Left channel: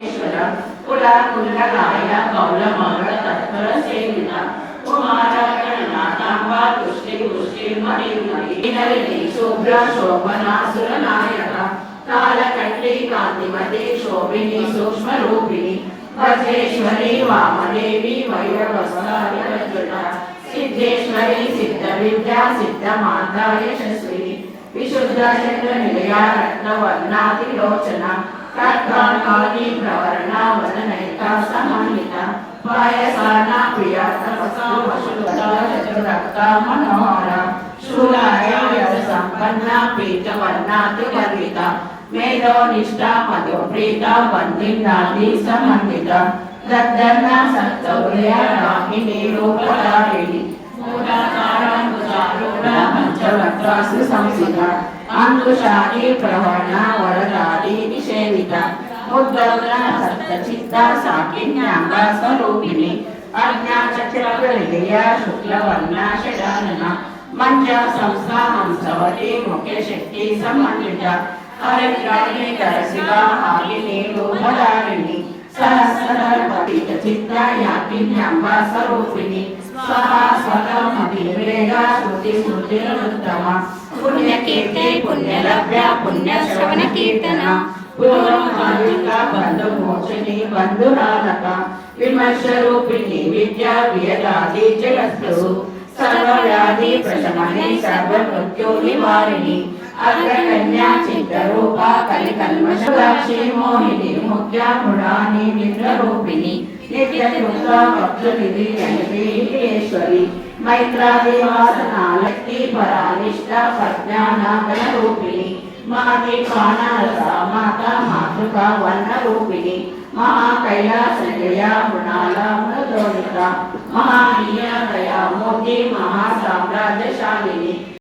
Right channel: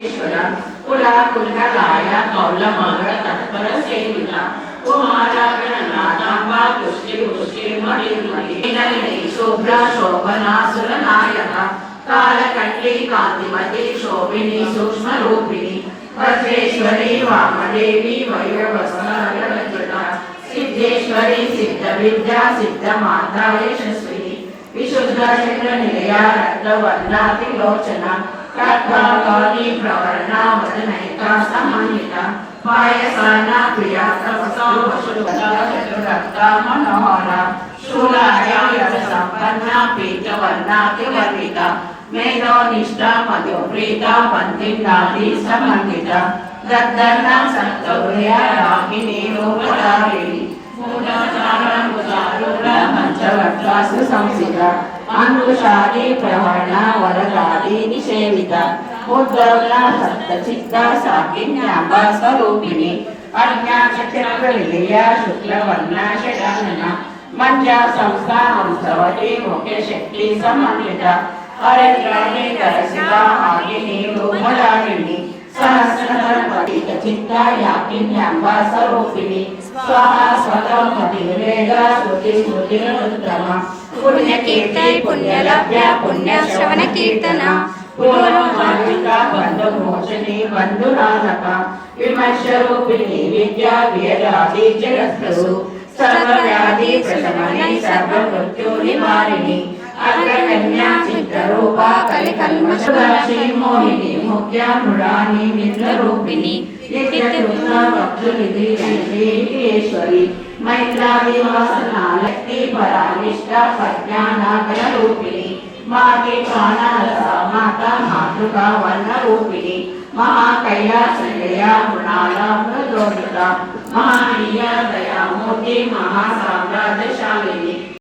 कुला कुंडलाय कौलमंगल तत्पर सेविता कुमारा गणनाथांबा पुष्टि पुष्टि मणि मणि नलिनी शुभ्र शोभना सुरनायका कालकंठी कांतिमती शोभिनी सूक्ष्म रूपिणी वज्रेश्वरी वामदेवी मयूरवस्त्ररचिता सिद्धेश्वरी सिद्ध विद्या सिद्ध माता यशस्वी विशुद्ध चंद्र निलया रत्नवर्णातिलोचना तत्काली प्रवर्णा वदनैका समन्विता पायसाना प्रिया तपसो वशुरक्ता मनोहरा शूलाया संपन्ना पीतवर्णातिवर्णिता मेधोनिष्ठा मधुप्रीता वन्दिन्दाति समन्विता दद्दन्ना सत्तौर्या रागिनी रूपधारिणी पंचवक्त्रासु संसिता अंकुशादी प्रवर्णा वरदादी निषेविता उद्दवना सप्तचित्ता साकिन्याम्बा स्वरूपिणी अज्ञाचक्रविलया शुक्लवर्णा षडानना मञ्जा संस्था हंसवती मुखे शक्ति समन्विता हरिद्राणी दरशिवा हारिणी रूपधारिणी सहस्रचित्ता याकिन्याम्बा स्वरूपिणी स्वाहा स्वतः मतिवेदा श्रुति स्मृतिरुत्तमा पुण्यकीर्तय पुण्यलभ्या पुण्यश्रवण कीर्तन पुनर्मान्विता बन्धुमोचनी बन्धुरालका विमर्शरूपिणी विद्या वियदादि जगत्प्रभु सर्वव्याधि प्रशमनी सर्वमृत्यु निवारिणी अग्रकन्या चित्तरूपा कलिकल्मषराशि मोहिनी मुख्या मृडानी नित्यरूपिणी नित्यदुर्गा वक्षनिधि ईश्वरी मैत्रादिवासना लक्ष्मी परानिष्ठा प्रज्ञानागणरूपिणी माता मातृका वर्णरूपिणी महाकैलासनिलया मृणाला मृदोनिका महानीया दया मूर्ति महासाम्राज्यशालिनी